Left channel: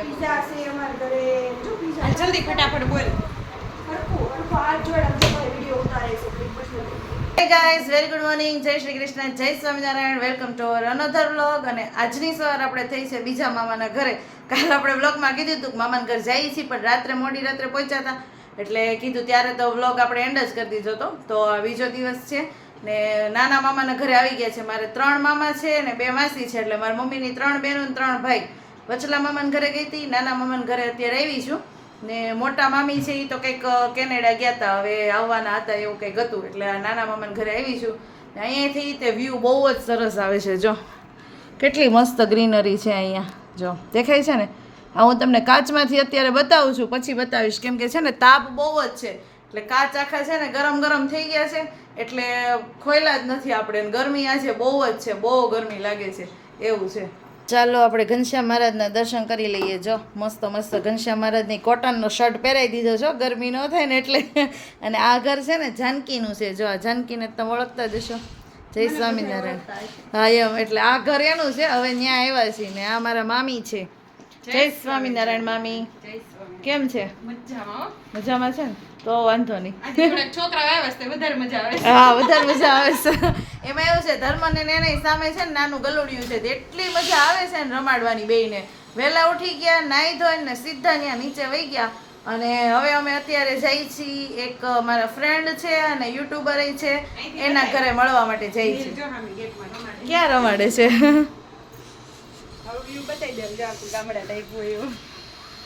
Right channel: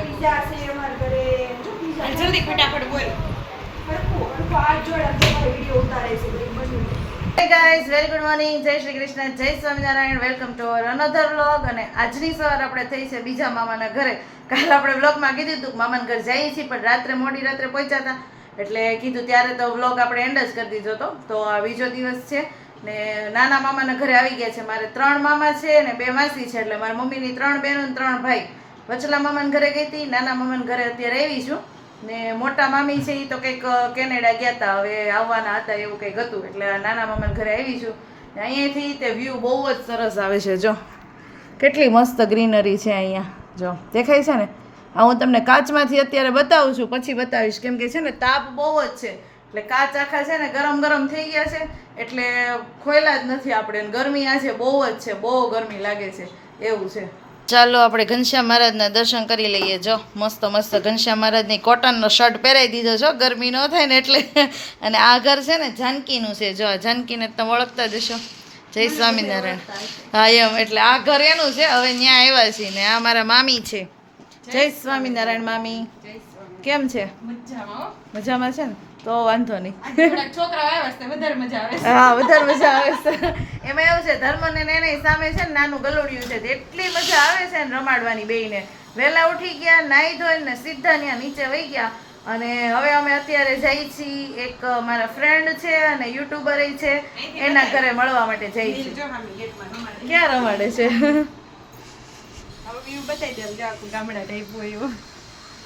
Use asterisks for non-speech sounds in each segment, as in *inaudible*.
Pizza છે અમારા ઘરે. જો પીઝા જલ્દી ફટાફટ બોલ. ગાઈઝ વેરી ગુડ મોર્નિંગ જય શ્રી કૃષ્ણ જય Swaminarayan. Welcome to our another vlog અને આજની સવાર આપણે થઈ છે બીજા મામાના ઘરે. કાલ આપણે વ્લોગમાં કીધું હતું કે મામાના ઘર જઈએ છીએ પણ રાત્રે મોડી રાત્રે પહોંચ્યા હતા. એટલે કીધું ત્યારે તો વ્લોગ આપણે એન્ડ જ કરી દીધો હતો. તો આ બીજો દિવસ છે. ને નાના મામાના ઘરે આવી ગયા છે. મારે ત્રણ મામા છે ને બે માસી છે, એટલે મારા મમ્મીની ત્રણ બહેનો ને ત્રણ ભાઈ. વચલા મામાના ઘરે ગઈ હતી, નાના મામાના ઘરે અત્યારે આવી છું. ને મોટા મામી છે એ તો કંઈક કેનેડા ગયા હતા હવે આવવાના હતા એવું કંઈક હતું. એટલે નાના મામાના ઘરે આવી છું. અહીંયાથી તે વ્યૂ બહુ જ સરસ આવે છે, જો. કેટલી મસ્ત ગ્રીનરી છે અહીંયા, જો. દેખાય છે ને? આ હું તમને કાચમાંથી અત્યારે બતાવું છું, પછી બતાવીશ. કેમ કે છે ને, તાપ બહુ જ છે. એટલે કાચ આખા છે ને ગરમ ગરમ થઈ ગયા છે એટલે ખોયલા જ નથી આપણે. ગરમી આ છે બહુ જ છે બહુ ગરમી લાગે છે એવું છે. ચાલો આપણે ઘનશ્યામ મહારાજના દર્શન કરી લઈએ. જો મસ્ત મસ્ત ઘનશ્યામ મહારાજની કોટનનો શર્ટ પહેરાવી દીધો છો ગરમી ન થાય ને એટલે. અને આ ઘર છે ને જાનકીનું છે જો આ જાનકીને તમે ઓળખતા જશો જય સ્વામિનારાયણ. હા એમ એટલે આ ઘર એનું છે હવે ત્યાં આવ્યા છીએ ને આ મારા મામી છે. જય સ્વામિનારાયણ મામી. કેમ છે? મજામાં મજામાં છે ને? તો વાંધો નહીં. છોકરા છે વધારે મજા આવે છે. હા વધારે મજા આવે છે. એમાં એવું છે ધર્મ ને નેને સામે છે ને નાનું ગલોડિયું છે એટલી મજા આવે છે ને રમાડવાની બેયને. વહેલા ઉઠી ગયા નાહી ધોઈને ને સીધા ત્યાં નીચે વહી ગયા. અને હવે અમે અત્યારે જઈ છીએ એક મારા ફ્રેન્ડ છે અને યુટ્યુબર છે એના ઘરે મળવા માટે જઈ છીએ. ક્યાં રમાડે છે.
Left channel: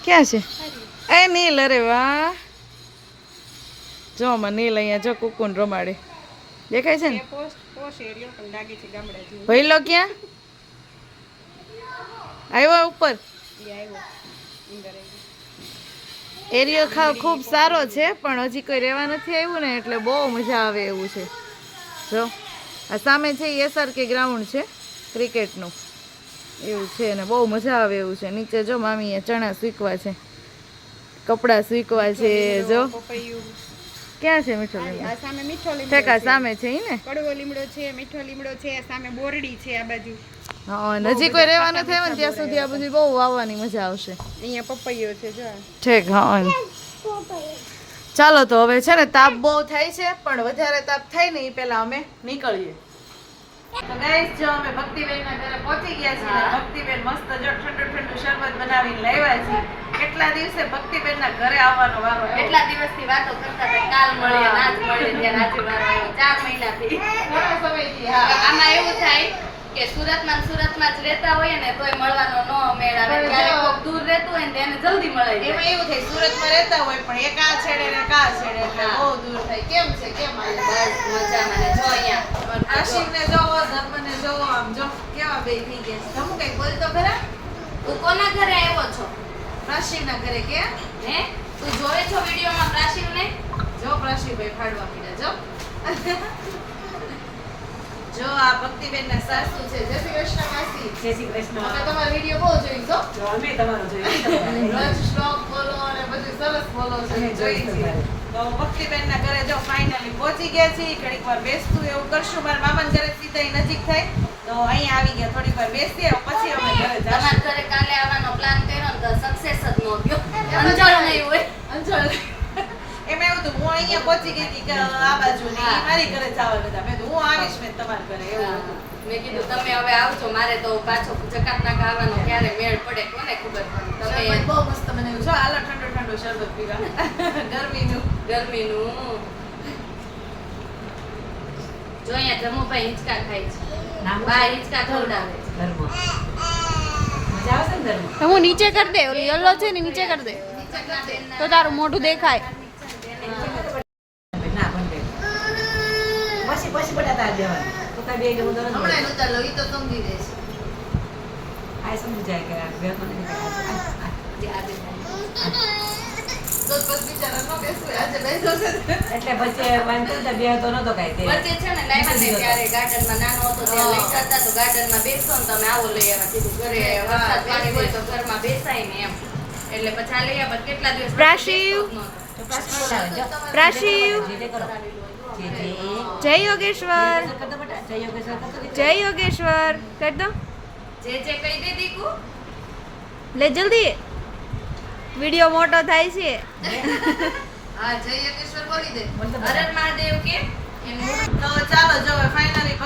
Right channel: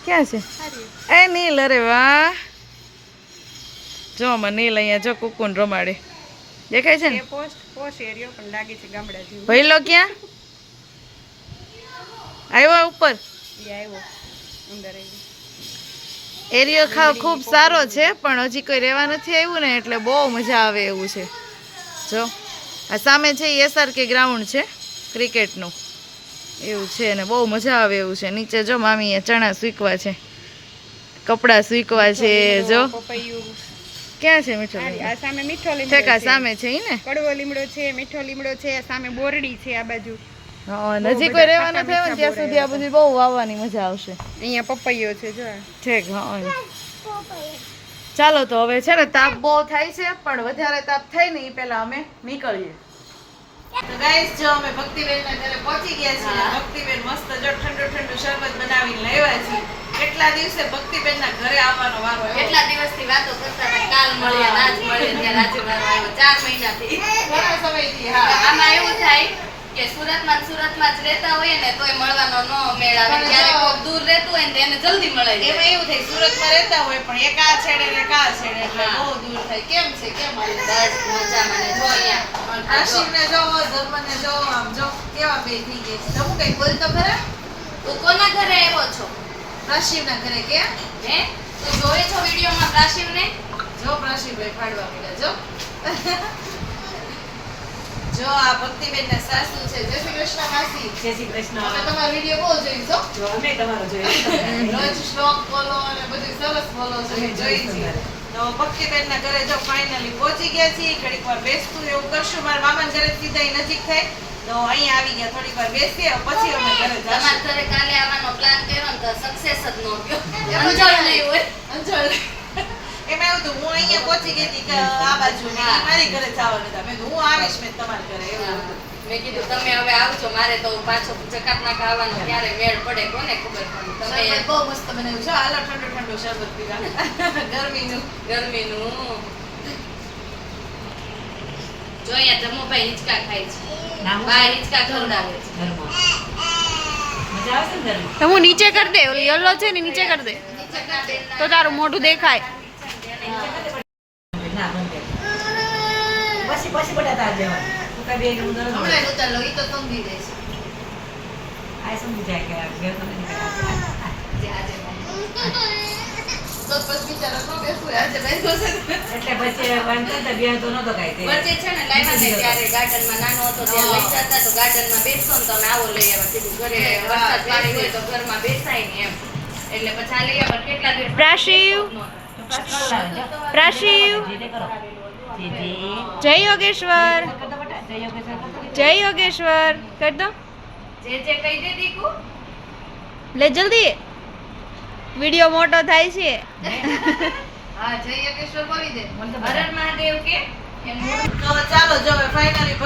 ક્યાં છે? એ નીલ અરે વાહ. જો મને નીલ અહીંયા જો કુકુન રમાડે. દેખાય છે ને? ભાઈ. ભઈલો ક્યાં? આવ્યો ઉપર. એરિયો ખાવ ખૂબ સારો છે પણ હજી કોઈ રહેવા નથી આવ્યું ને એટલે બહુ મજા આવે એવું છે. જો આ સામે છે એ એસઆરકે ગ્રાઉન્ડ છે ક્રિકેટનું. એવું છે ને બહુ મજા આવે એવું છે. નીચે જો મામીએ ચણા સૂકવા છે કપડાં સૂકવા છે જો. ક્યાં છે મીઠો આ લીમડો સામે મીઠો લીમડો ઠેકા. સામે છે ઈ ને? કડવો લીમડો છે મીઠો લીમડો છે સામે બોરડી છે આ બાજુ. હા નજીક કોઈ રહેવા નથી આવ્યું ને ત્યાં સુધી આ બધી બહુ વાવવાની મજા આવશે. અહીંયા પપૈયો છે જો ઠીક હા ચાલો તો હવે છે ને તાપ બહુ થાય છે પણ વધારે તાપ થાય ને એ પહેલા અમે નીકળીએ. તો ગાઈસ જો અમે ભક્તિબેન ના ઘરે પહોંચી ગયા છીએ ભક્તિબેન મસ્ત જો ઠંડુ ઠંડુ શરબત બનાવીને લાવ્યા છીએ કેટલા દિવસે ભક્તિબેન ના ઘરે આવવાનો વારો આવ્યો. કેટલા દિવસથી વાતો કરતા હતા? કાલ મળીએ આજ મળીએ ત્યારે આજે વારો આવ્યો ચાર મહિનાથી. ઘણા સમયથી હા. આમાં એવું થાય કે સુરતમાં સુરતમાં જ રહેતા હોય ને તોય મળવાનો નો મેળ આવે. જ્યારે કોક દૂર રહેતું હોય ને એને જલ્દી મળે એમાં એવું થાય સુરતમાં રહેતા હોય પણ એક આ છેડે ને એક આ છેડે એટલે બહુ દૂર થાય. કેમ છે? કેમ હાલે? બસ મજામાં ને જો અહીંયા. આશિકને જોવો ધર્મને જો આમ જો કેવા બે થઈ ગયા છે? તમે કઈ બોલ તો ખરા? તું કોના ઘરે આવ્યો છો? રાશિના ઘરે કે હે? તું જોયે છો વિડીયોમાં પ્રાશિવને? જો પ્રશીભાઈ ફાડવા મળ્યા જો. *laughs* જો આ ભક્તિબેન ના સાસુ છે. જય શ્રી કૃષ્ણ માસી. જય શ્રી કૃષ્ણ. અમે તમારો વીડિયો બહુ જોઈ છો. જો અમે તમારો જોયો *laughs* રોજ શ્લોક બોલો અને બધું સરસ બોલો છો. એ જોઈ છે તો ભક્તિબેન ના ઘરે જો ફાઇનલી પહોંચી ગયા છીએ. ઘડીક વાર બેસતું એવું કરશું. મારા મામા ઘરે સીધા નજીક થાય. તો અહીંયા આવી ગયા થોડીક વાર બેસીએ પછી અમે ઘરે જશું. અમાર ઘરે કાલે આવવાનો પ્લાન કર્યો ને તો સક્સેસ જ નો ગયો અંજળ નહીં હોય. અંજળ. એમાં એવું હતું હું અહીંયા પહોંચી ગઈ હતી કે આ બાજુ ને મારી ઘરે જવાનું હતા. મેં હું આવીશ મેં તમારા ઘરે એવું હતું. મેં કીધું તમે હવે આવજો મારે તો પાછો જકાત ના ખાવાનો ક્યારે મેળ પડે કોને ખબર પડે તમે બહુ મસ્ત બનાવ્યું છો. હાલો ઠંડુ ઠંડુ શરબત પીવા ગરમીનું. ગરમીનું. જો અહીંયા જમુભાઈ હિંચકા ખાય છે. બા હિંચકા ખવડાવે છે. મજા આવશે ને તો હું નીચે કરી દે ઓલી યલો છે ને નીચે કરી દે. તો તારું મોઢું દેખાય. પછી પછી બટાટા દેવાના. તો કાંઈ બે જણું દરજ હમણાં ઉતાર લો ઈ તો સમજી રહેશે આ સમજી જાય કે આ તો નથી આજે. તો પછી બિચારા નો આજે બેસો એટલે પછી એમ કરતા બે તો નતો કાંઈ તે. વચ્ચે છે ને લાવ્યા ને ત્યારે ગાર્ડનમાં નાનો હતો ત્યારે લઈ જતા તો ગાર્ડનમાં બેસો ને તમે આવો લઈ આવ્યા. કીધું ઘરે વરસાદ પાણી હોય તો ઘરમાં બેસાય ને એમ. એટલે પછી આ લઈ આવ્યા કેટલા દિવસ પ્રાશિવ. તો પાછું બોલાવે, જાઓ. પ્રાશિવ જે તે કરો જે જે જય યોગેશ્વર. જય યોગેશ્વર કરતો જય યોગેશ્વર. કર દો. જે જે કહી દે દીકુ. લે જલ્દી. વિડિયો મોટો થાય છે. હા જય યોગેશ્વર બોલી દે. બોલ તો હર બધા. હર મહાદેવ કે? તો ચાલો જો હવે ફાઇનલી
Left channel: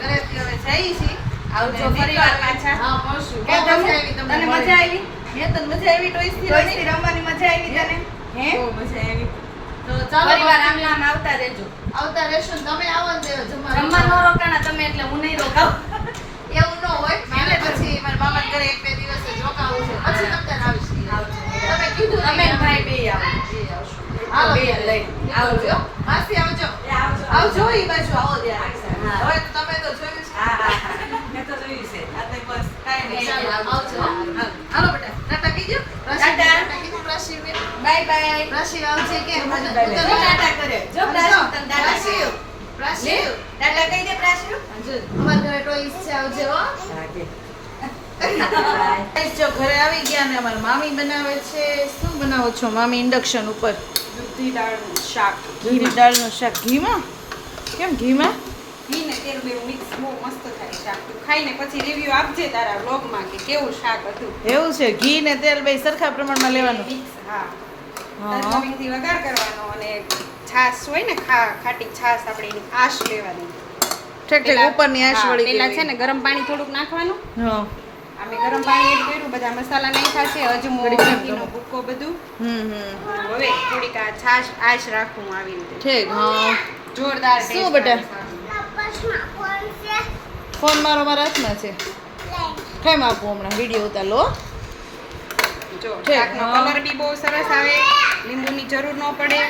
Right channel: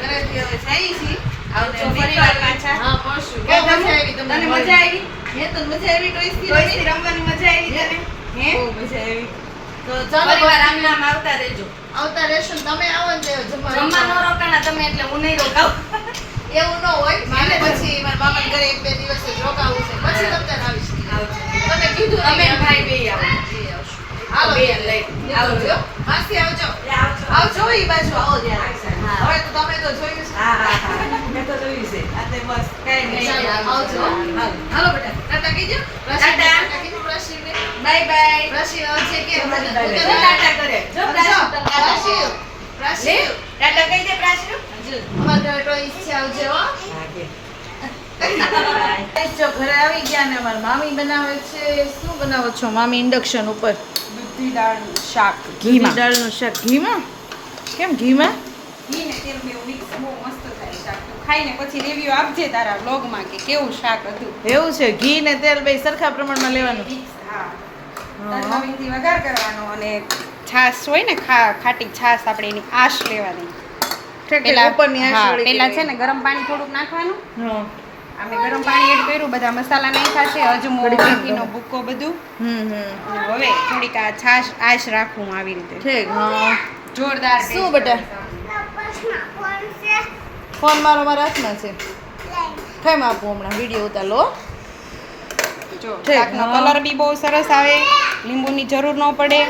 ઘરે થી હવે જઈએ છીએ. આવજો અને ફરી વાર પાછા. હા પડશું બહુ મજા આવી તમને મજા આવી? હે તને મજા આવી ટોઈસથી ટોઈસથી રમવાની મજા આવી તને? હે? બહુ મજા આવી. તો ચાલો ફરીવાર આમ નામ આવતા રહેજો. આવતા રહેશો તમે આવો ને જમવા જમવા નો રોકાણા તમે એટલે હું નહીં રોકાવ એવું ન હોય. મારે પછી મારા મામા ઘરે એક બે દિવસ જ રોકાવું છે. પછી તમને કીધું તમે ભાઈ બે આવો. બે લઈ. આવજો માસી આવજો. આવજો. ઈ બાજુ આવો ત્યાં. હવે તો તમે તો જોયું છે. હા હા મેં તો જોયું છે. આ તે બસ કાઈ નહીં. આવજો. હાલો. બેટા. ટાટા કીજો ટાટા. કીજો બાય બાય. પ્રશિવ આવશે કે. ટાટા કરે. જો પ્રશિવ તને ટાટા કહી દે પ્રાસુ અમારા ઘરે તો ઈચ્છા આવજો હા કે. જો ઘરે આવી ગયા ને અમારા મામી બનાવે છે. શું બનાવો છો મામી ઇન્ડક્શન ઉપર? દૂધી દાળનું શાક. ઘીની દાળનું શાક. ઘીમાં? કેમ ઘીમાં? ઘી ને તેલ બે મિક્સ બહુ મસ્ત થાય શાક. તું ખાઈને પછી રિવ્યુ આપજે તારા વ્લોગમાં કે કેવું શાક હતું. એવું છે. ઘી ને તેલ બે સરખા પ્રમાણમાં લેવાનું. મિક્સ હા. હા. તરલવીથી વઘાર કરવાનો અને છાશ હોય ને ખા ખાટી છાશ આપણે એની આશ લેવાની. ઉપરની આશ વળી પેલા છે ને ગરમ પાણી થોડુંક નાખવાનું. હા. અમે ગરમ પાણી એડ કર્યું બધા મસાલા નાખ્યા છે અજમો ઘીનો ભૂકો બધું. હમ હમ. હવે થોડીક આ છાશ આશ રાખું આવી રીતે. ઠીક હા. જોરદાર શું બેટા? ફોન મારો મારા હાથમાં છે. કેમ આપું હમણાં વીડિયો ઉતારો. જો કલર બી બહુ સરસ આવે. લીંબુની જરૂર ન પડે.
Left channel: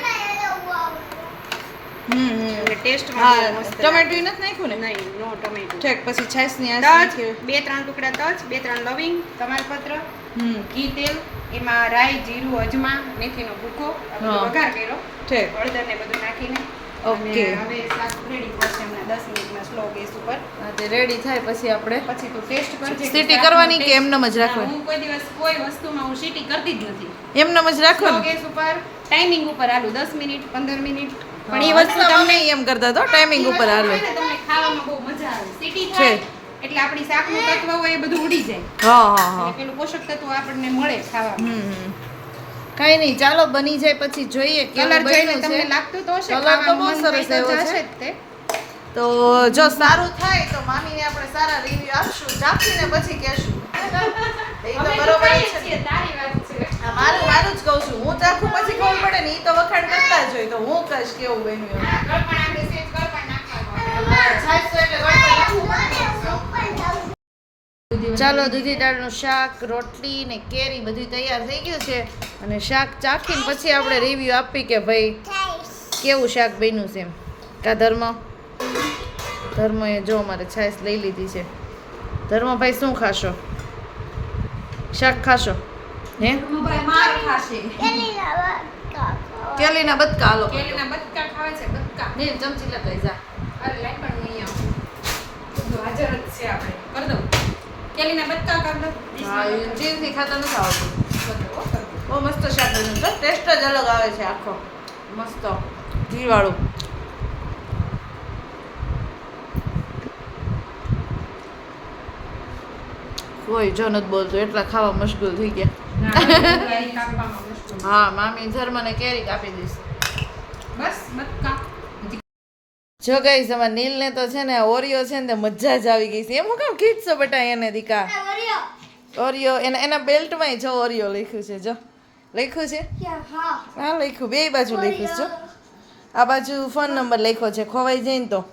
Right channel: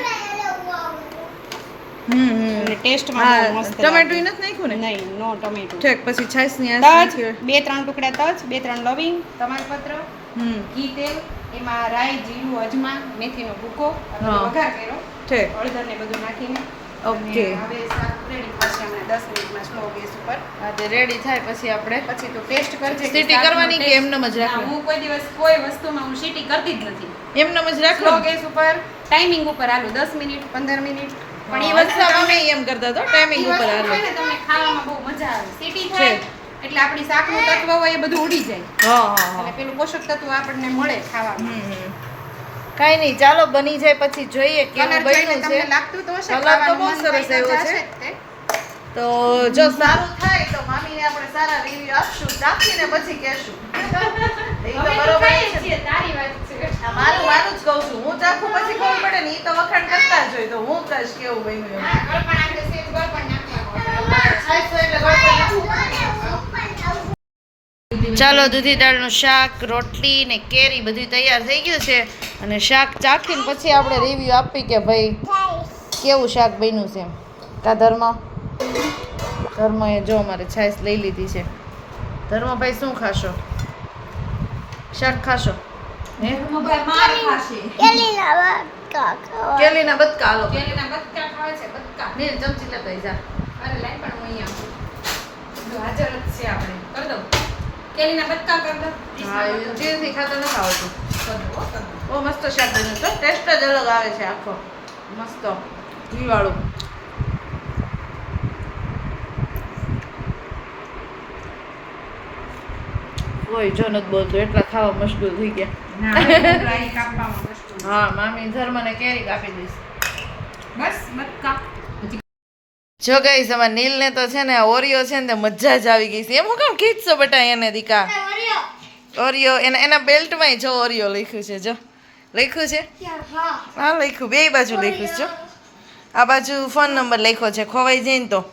હમ ટેસ્ટમાં ટમેટું નથી નાખ્યું ને? નહીં નો ટમેટું ઠીક પછી છાશની તજ બે ત્રણ ટુકડા તજ બે ત્રણ લવિંગ તમાલપત્ર હમ. ઘી તેલ એમાં રાઈ જીરું અજમા મેથીનો ભૂકો વઘાર કર્યો. ઠીક. હળદર ને બધું નાખીને. ઓકે. હવે શાક રેડી થશે હમણાં દસ મિનિટમાં સ્લો ગેસ ઉપર. તે રેડી થાય પછી આપણે. પછી તો ટેસ્ટ કરજે સીટી કરવાની કે જ ના, હું કોઈ દિવસ કોઈ વસ્તુમાં હું સીટી કરતી જ નથી. એમને જ રાખો ગેસ ઉપર ટાઈમિંગ ઉપર આલું દસ મિનિટ પંદર મિનિટ પણ એ વસ્તુ અમે એમ કરતા તો ટાઈમિંગ ઉપર હાલો. તમને ખાવામાં બહુ મજા આવે. સિટી થાય. એટલે આપણી શાકનું તત્વ હોય એ બધું ઉડી જાય. હા હા હા. પેલું પોષક તત્વ આપણને મળે ખાવામાં. હમ. નહીં ચાલો બની જાય પછી જોઈએ કલર જોઈને તમને લાગતું તો હશે કલર તો બહુ સરસ આવ્યો છે. તો. જો સારું થાય તો મામીને આપણે સારા રિવ્યુ આપશું ચાખીને પછી કહેશું. *laughs* એ તો બરોબર છે. તારી વાત છે. આ મારું મારું જ કહું છું. હું ચાખું પછી ખબર પડે ને એ તો વખાણ કરતા જ હોય તો હું કશ કેવું બન્યું એમ. ચાલો દૂધી દાળનું શાક રોટલી ને કેરી બધું તૈયાર થઈ ગયું છે. અને શાક ચાખીને પછી આપણે રિવ્યુ આપી કે ભાઈ કેવું શાક બન્યું છે એમ? કા ધર્મ? ધર્મ એ જો અમારે છાશ લઈ લીધી છે. ધર્મભાઈ શું ખાશો? શાક ખાશો? હે? કેલીના બતકા હાલો. કેલીના બતકા ખાવે છે બતકા મેં ચમચી લેતા જા. અરે લે પણ હું અહીંયા જો હાજર જ છે આપણે. કર દઉં. કેલીના બતકા કર દઉં. હા એ જીવથી ખાતા નથી આવતું. બહુ મસ્ત શાક બન્યું છે. ટેસ્ટ જ અલગ આવે છે આખો. મસ્ત. ઘી વાળું કોઈ જો નથી બોલતું. એટલા ખાવા મુશ્કેલ થઈ ગયા. *laughs* હા મામી ધર્મને કેરી કાપી દઈશ. બસ જો ગઈ અમારા નીલને તો છે ને ઓરિયો છે ને મજા જ આવી ગઈ છે. એમ હું કેમ ખીચશો બટા એને દીકા? ઓરિયો. એના એના બેલ્ટમાં જો ઓરિયો લખ્યું છે જો. લખ્યું છે? હા. લખ્યું. બે બાજુ લખ્યું છે જો. આ બાજુ ફોન નંબર લખ્યો છે ખોવાઈ જઈને તો.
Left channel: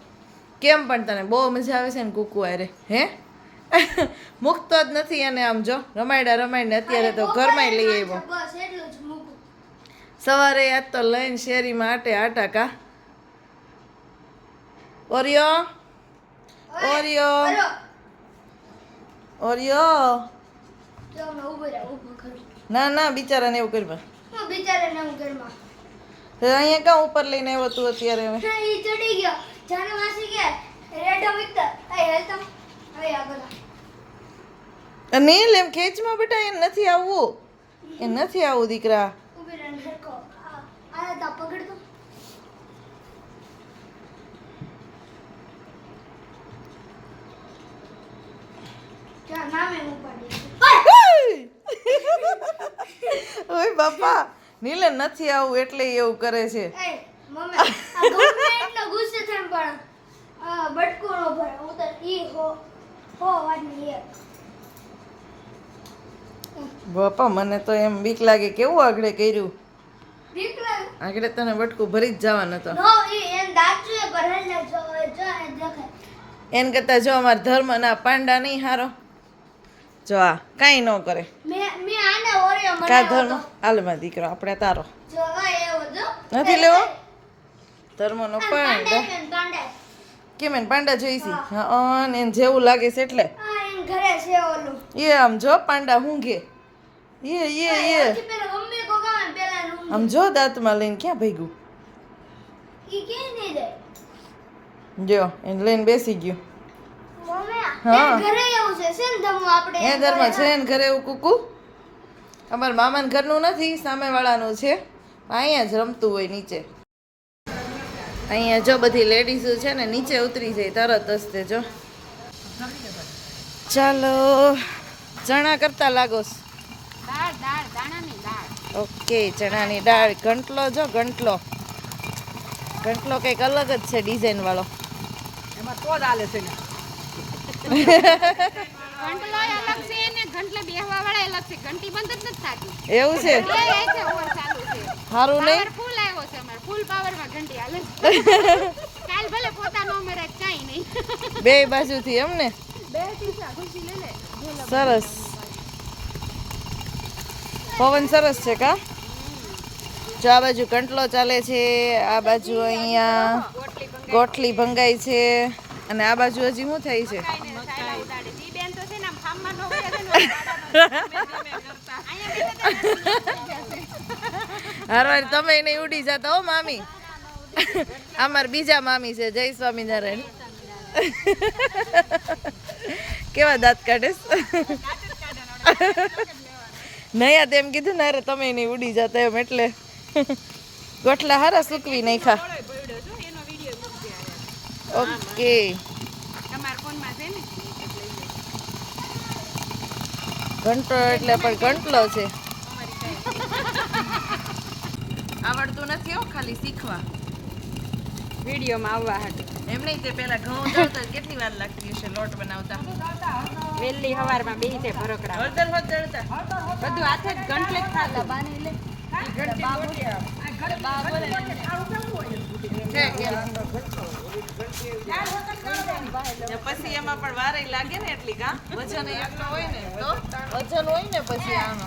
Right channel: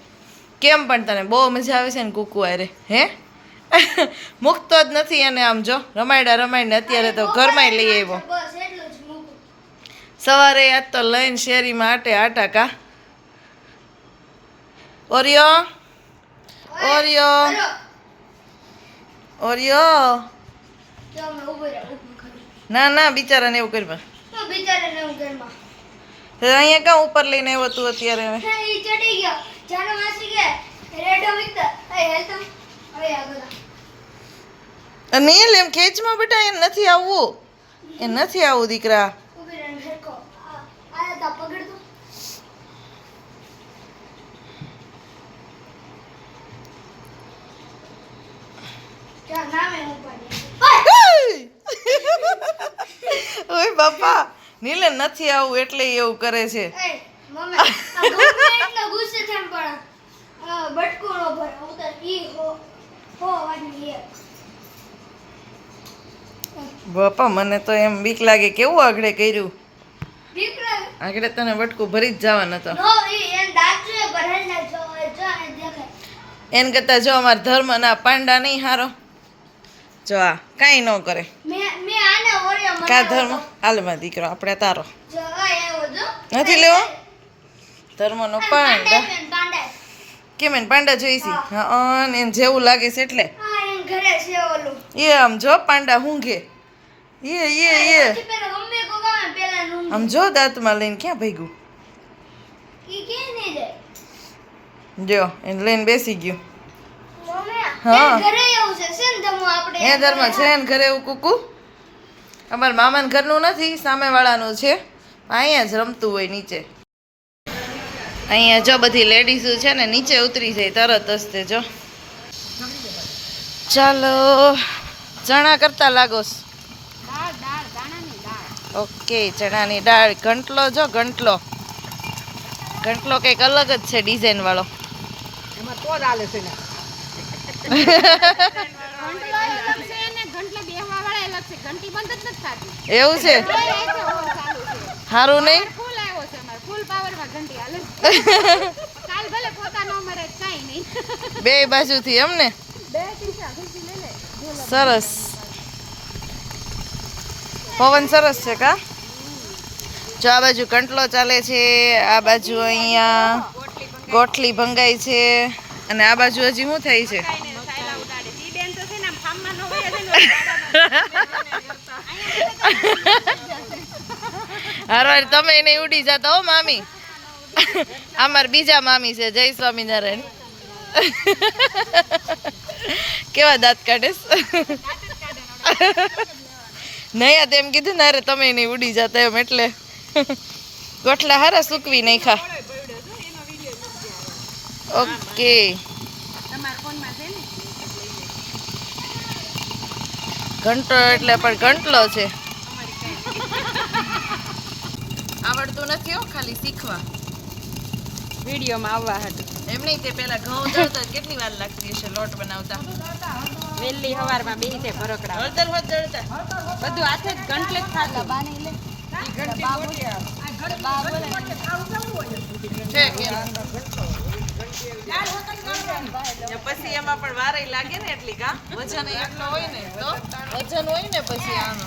કેમ પણ તને બહુ મજા આવે છે ને કુકુ આરે હે? *laughs* મૂકતો જ નથી એને આમ જો રમાયડા રમાયને અત્યારે તો ઘરમાં લઈ આવ્યો. સવારે આજ તો લઈને શેરીમાં આટે આટા કા. Oreo Oreo Oreo. ના ના બિચારાને એવું કરવા અહીંયા ક્યાં ઉપર લઈને આવ્યો તું અત્યારે હવે? ચડી ગયો. જાણે વાસી કે રેડો હેલ્થ હવે આગળ નીલ એમ ખેંચમાં બેટા એ નથી આવવું. એ નથી આવવું દીકરા. *laughs* ઓય બાપા નીલે નથી આવું એટલે એવું કરે છે. ગુસ્સે થાય પણ બટકો નો ભરે. હું તો ઈ હો હો લે બાપા મને તો એમ બીક લાગે કેવું આગળ કર્યું? આગળ તને વટકું ભરી જ જવાના તો. એન કરતા જો અમાર ધર્મ ધર્મના પાંડા નહીં હારો. જો આ કાંઈ ન કરે. કા ધર્મ? હાલમાં દીકરો આપણે તારો. નથી લેવો? ધર્મનો પાંડા. કેમ એને પાંડા જોઈશી હા. ને એને જેવું લાગે છે એટલે. એ આમ જો પાંડા હુંઘે. એ એ એ આમ જો દાંતમાં લઈને ક્યાં ભાગ્યું જો એને લઈને બેસી ગયું. હા. એન ઘરમાં છે ને ઘરે એવું કુકુ. અમારા મામાના ઘરનું નથી સામેવાળાનું છે. અહીંયા જ રમતું હોય નીચે. અહીંયા જો બધી લેડીઝો છે ને નીચે ઉતરી જાય તરત જ જો. ચાલો ચણા કરતા લાગો છો. દાળ દાળ દાણાની દાળ ઓકે ચણાની દાળ. ઘંટલો જો ઘંટલો. ઘંટલો કંઈક અલગ જ છે ડિઝાઇન વાળો. ઘંટલો અલગ છે ને ઘંટલે બેહવા વાળા અલગ છે. ઘંટી બંધ જ નથી થતી. એવું છે? સારું નહીં? ફૂલ આવ્યો છે અમારે. ફૂલ પાવરમાં ઘંટી હાલે છે. *laughs* કાલ ભલે પોતા નો મરે કાઈ નહીં. બે બાજુથી એમ ને? સરસ. પવન સરસ છે કા? જો આ બાજુ કંટલો ચાલે છે, આ બાજુ અહીંયા ગોઠલી ભંગાઈ છે, અને આ બાજુ હજી શું થાય છે? ઈ બેન તો છે ને આમ ફાર્મમાં નો હોય છે હારો હાર, તમે એને ઉડી જતા હો મામી. અમાર બીજા મામી છે, જય સ્વામિનારાયણ. કેવા દાંત કાઢેસ નહીં આ તેમ કીધું ને અરે તમે નહીં ઉડી જતા એમ એટલે. ગોઠલા હારા સૂકવી નાખ્યા. ઓકે. તમારા ફોનમાં છે ને ઘંટો એટલે પણ ઘંટલો છે. આવડતું નથી હો ખાલી શીખવા. વિડીયોમાં આવવા હતું એમ નહીં તે પહેલાં ઘઉં દળતા કેટલી વાર લાગતી હશે લોટ બનાવતા? વેલી હવારમાં બેહી છે ભરોકડા. હળદર હોત દળતા બધું હાથે જ ગંટલે જ ખાતું છે કે પછી એમાં પણ વારે લાગે ને એટલી કા વજન એટલો હોય ને તો? વજન હોય ને પછી આનો.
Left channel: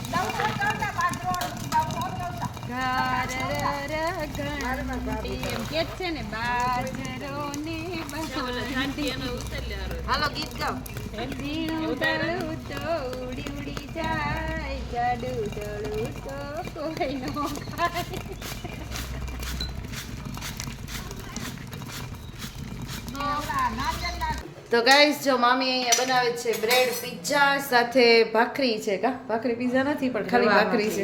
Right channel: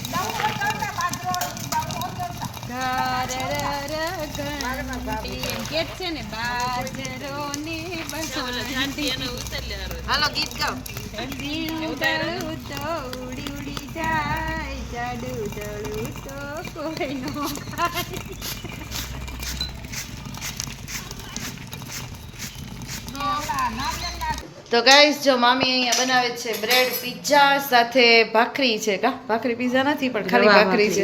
ગેટ છે ને બાજરો ને હાલો ગીત ગાઓ. ઝીણું દળું તો ઉડી ઉડી જાય જાડું દળું તો કોઈ નો તો ગાઈસ જો મામી અહીંયા બનાવે છે બ્રેડ પિઝા સાથે ભાખરી છે કા? ભાખરી પિઝા નથી પણ ખાલી ભાખરી છે.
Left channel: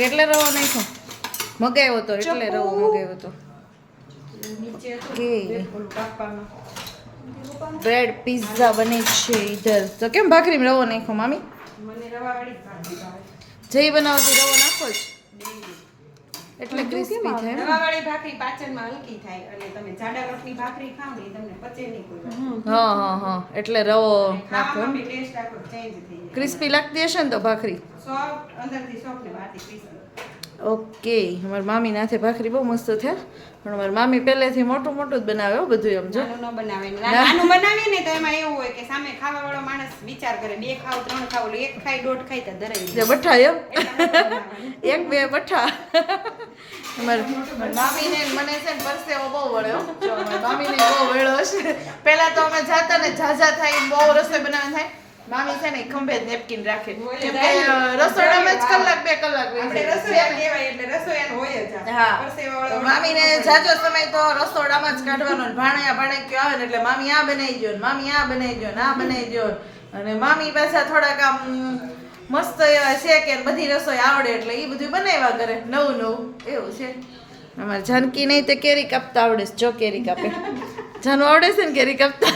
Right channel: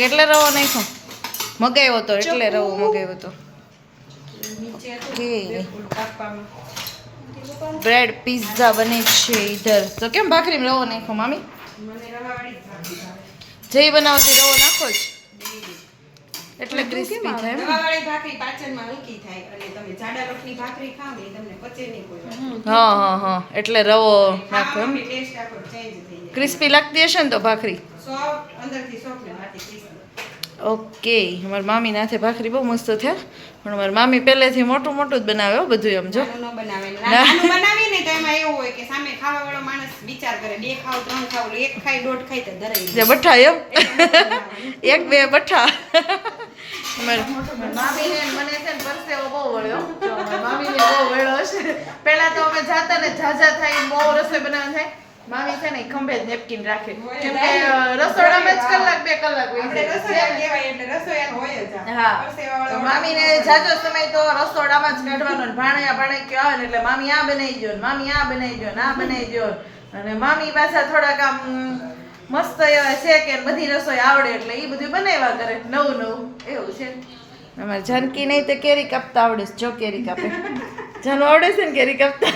એટલે રવો નાખો મગાવ્યો તો એટલે રવો મગાવ્યો તો. બ્રેડ પિઝા બને છે ઈધર. તો કેમ ભાખરીમાં રવો નાખો મામી? જઈ બનાવતી રવો નાખો જ. એટલે ક્રિસ્પી થાય એમ? રવાવાળી ભાખરી પાચનમાં હલકી થાય અને તમે જાડા રોટલી ભાખરી ખાવ ને એ તમને પચે નહીં કોઈ હા હા હા. એટલે રવો નાખો એમ. આમાં આખો change થઈ જાય. ક્રિસ્પી લાગતી હશે ને તો ભાખરી? સોફ્ટ અંદરથી સોફ્ટ ને બહારથી crispy. ઓકે અમારા મામી નાથે ભાખરી બહુ મસ્ત થયા પણ અમારા મામી પહેલેથી મોટું મોટું જ બનાવે હો બધું એમ જો. બનાવે ને. બનાવીને તો એમાં એવું હોય કે સામે ખાવા વાળો માણસ વિચાર કરે બે ખાવ ત્રણ ખાવ એટલે એક ખાય દોઢ ખાય તો ધરાઈ જે બઠા એમ? એક બે બઠા. અમારી મામીને ને મને છે ને પરસેવો બહુ વળ્યો. મામીને બહુ વળ્યો છે. પહેલા તો અમે જાતા ને ઝાઝા થાય બહુ રસોઈ બનાવવા થાય. મામી છે ને ખંભે જ નેપકીન રાખે. કેમ કે રસોડામાં જ કલાક બે કલાક આપણે જાય. રસોઈયા કહેવાય એટલે રસોઈયાનું હોય જ હા. તો મામીને જાજો સમય તો રસોડામાં જ કાઢવાનો ને ભાણે ભાણિયા આવે ને એટલે મામી આ બનાવી દો મામી આ બનાવી દો આ બનાવી દો અને મામી પાછા થોડાક આમ મસ્ત એવા છે કે બધી રસોઈ આવડે એટલે એ બધું બનાવ્યા કરે. નવું નવું. એવું છે. અમારે જાનકી નહીં તે કેરી કાપતા આવડે છે. જો કેરી કાપે. જાનું આવડે છે ને કેરી કાપતા?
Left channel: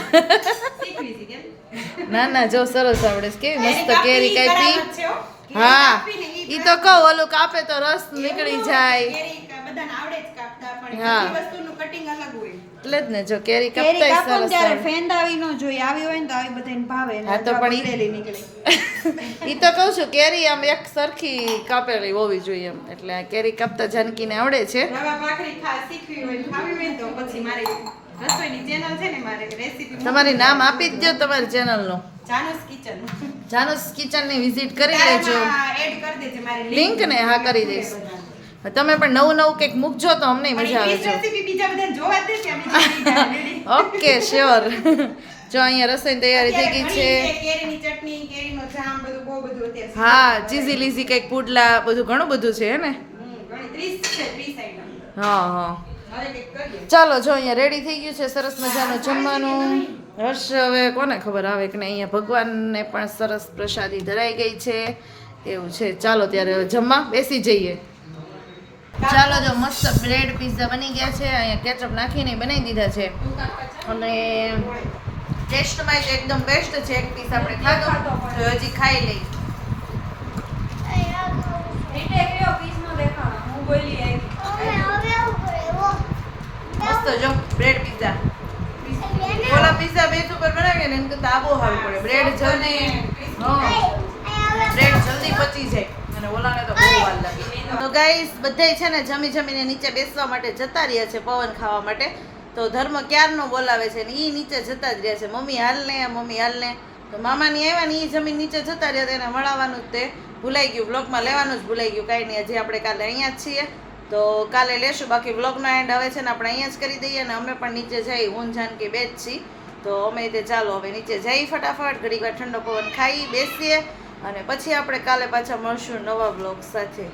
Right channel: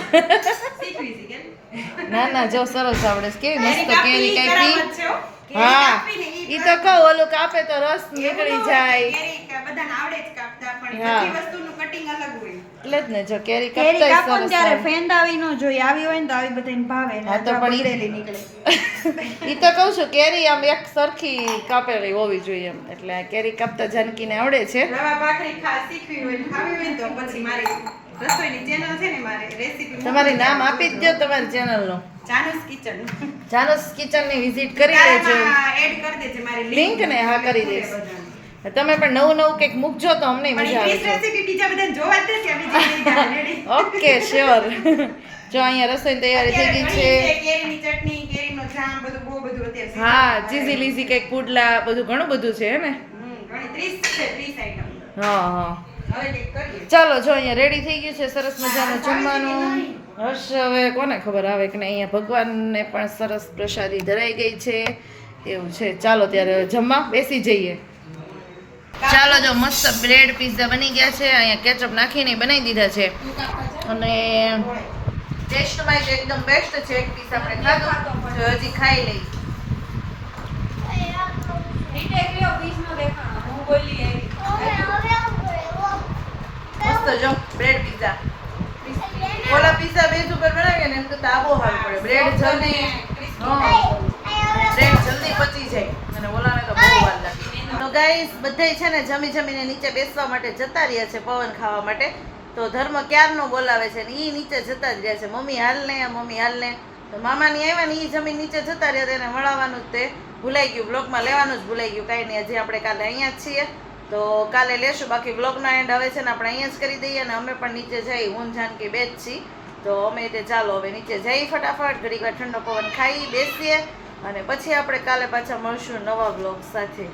ના ના જો સરસ આવડે છે. કેવી મસ્ત કેરી કાપી. હો. ઈ તો કહો ઓલું કાપે તો રસ નીકળી જાય. કેરી કા- બધાને આવડે જ કાપતા પણ હા. બધી વસ્તુનું કટિંગ અલગ હોય. એટલે જ ને જો કેરી કાપતા સરસ ત્યારે આવડે. ફેંદ આવી ન જોઈએ. આવી હોય ને તો આવી બધાને ભાવે હા, તો પણ નીકળે. *laughs* ઈ તો કહું છું કેરી આમ એક સરખી કાપેલી હોવી જોઈએ એમ. એટલે આ કેરી કાપતા જાનકીને આવડે છે. રવા ભાખરી ખા શીખવી હોય ખાવી હોય તો પછી મારી રસોઈની તમારી નામ આપી જ દો તમારી ચેનલનું જાનસ કિચન. જાનુસ કિચનની વિઝિટ કરી લેજો. એડ કરી દેજે મારી લિંક ને હા કરી દઈશ. તમે પણ નવું નવું કંઈક મૂકજો તો અમને મજા આવે છે. બીજા બધા જોવા જ *laughs* ઓકે શ્યોર *laughs* જો અહીંયા રસોઈની તૈયારી થઈ ગઈ છે. કેરીની ચટણી કેરીનો જામ બધું બહુ બધું અત્યારે હા ચીઝી લીઝી કંઈક પુડલા બધું ઘણું બધું છે હે ને? ઘણી 30 છે 30 આઈટમ હા હા. ચાલો જો અહીંયા રેડી થઈ ગયું છે સરસ મજાનું જમવાનું. હર્ષ હવે કોને ખબર આવે કે નહીં? અહીંયા ભગવાનને પણ સરસ પ્રસાદી ધરાઈ ગઈ છે. એવું છે. ચાલો ત્યારે જમવા બેસી જઈએ. ચાલો જો મસ્ત બ્રેડ પીઝા બની ગયા છે. અહીંયા કેચઅપ નાખીને બનાવી દીધા છે. અને ટેસ્ટમાં જ એકદમ બેસ્ટ છે. એક પીસ આપણે ખાધો. તો હજી ખાઈ લઈ મસ્ત જો બ્રેડ પીઝા ઓલા પીઝા બેઝ ઉપર બનાવીએ ને, એમ કરતા આબો સારું પડે. બ્રેડ જલ્દી બ્રેડ જલ્દી પચી જાય. અને ઓલાને તો બહુ વાર લાગે. તો ગાઈસ બધાય છે ને જમી જમીને નીચે બેસવા માટે જતા રહ્યા છે પવન ખાવા માટે. તો ધર્મ ક્યારનો બોલાવે છે ને એ નીચે જતા જ રહ્યા છે. મમ્મી હાલ ને, મમ્મી હાલ ને. તો મામાની આવ્યા ને એ જમીન નીચે જતા રહ્યા તેને મળવાનું જ તે. ભૂલાઈ ગયું બ્લોકમાં લેવાનું જ ભૂલાઈ ગયું. કાંઈ નહીં, હજી આપણે કાલે અહીંયા જ છીએ. તો કાલે લેશું, બાકી વ્લોગનો એન્ડ હવે છે ને આપણે અહીંયા જ કરી દઈએ અને અમે પણ નીચે જઈ હું જાનકી બે જ છીએ તો અમે તે ચાલો હવે નીચે જઈ ફટાફટ, ઘડીક ઠંડો પવન ખાઈ બેસીએ અને પછી આપણે કાલે પાછા મળશું નવા બ્લોગ સાથે.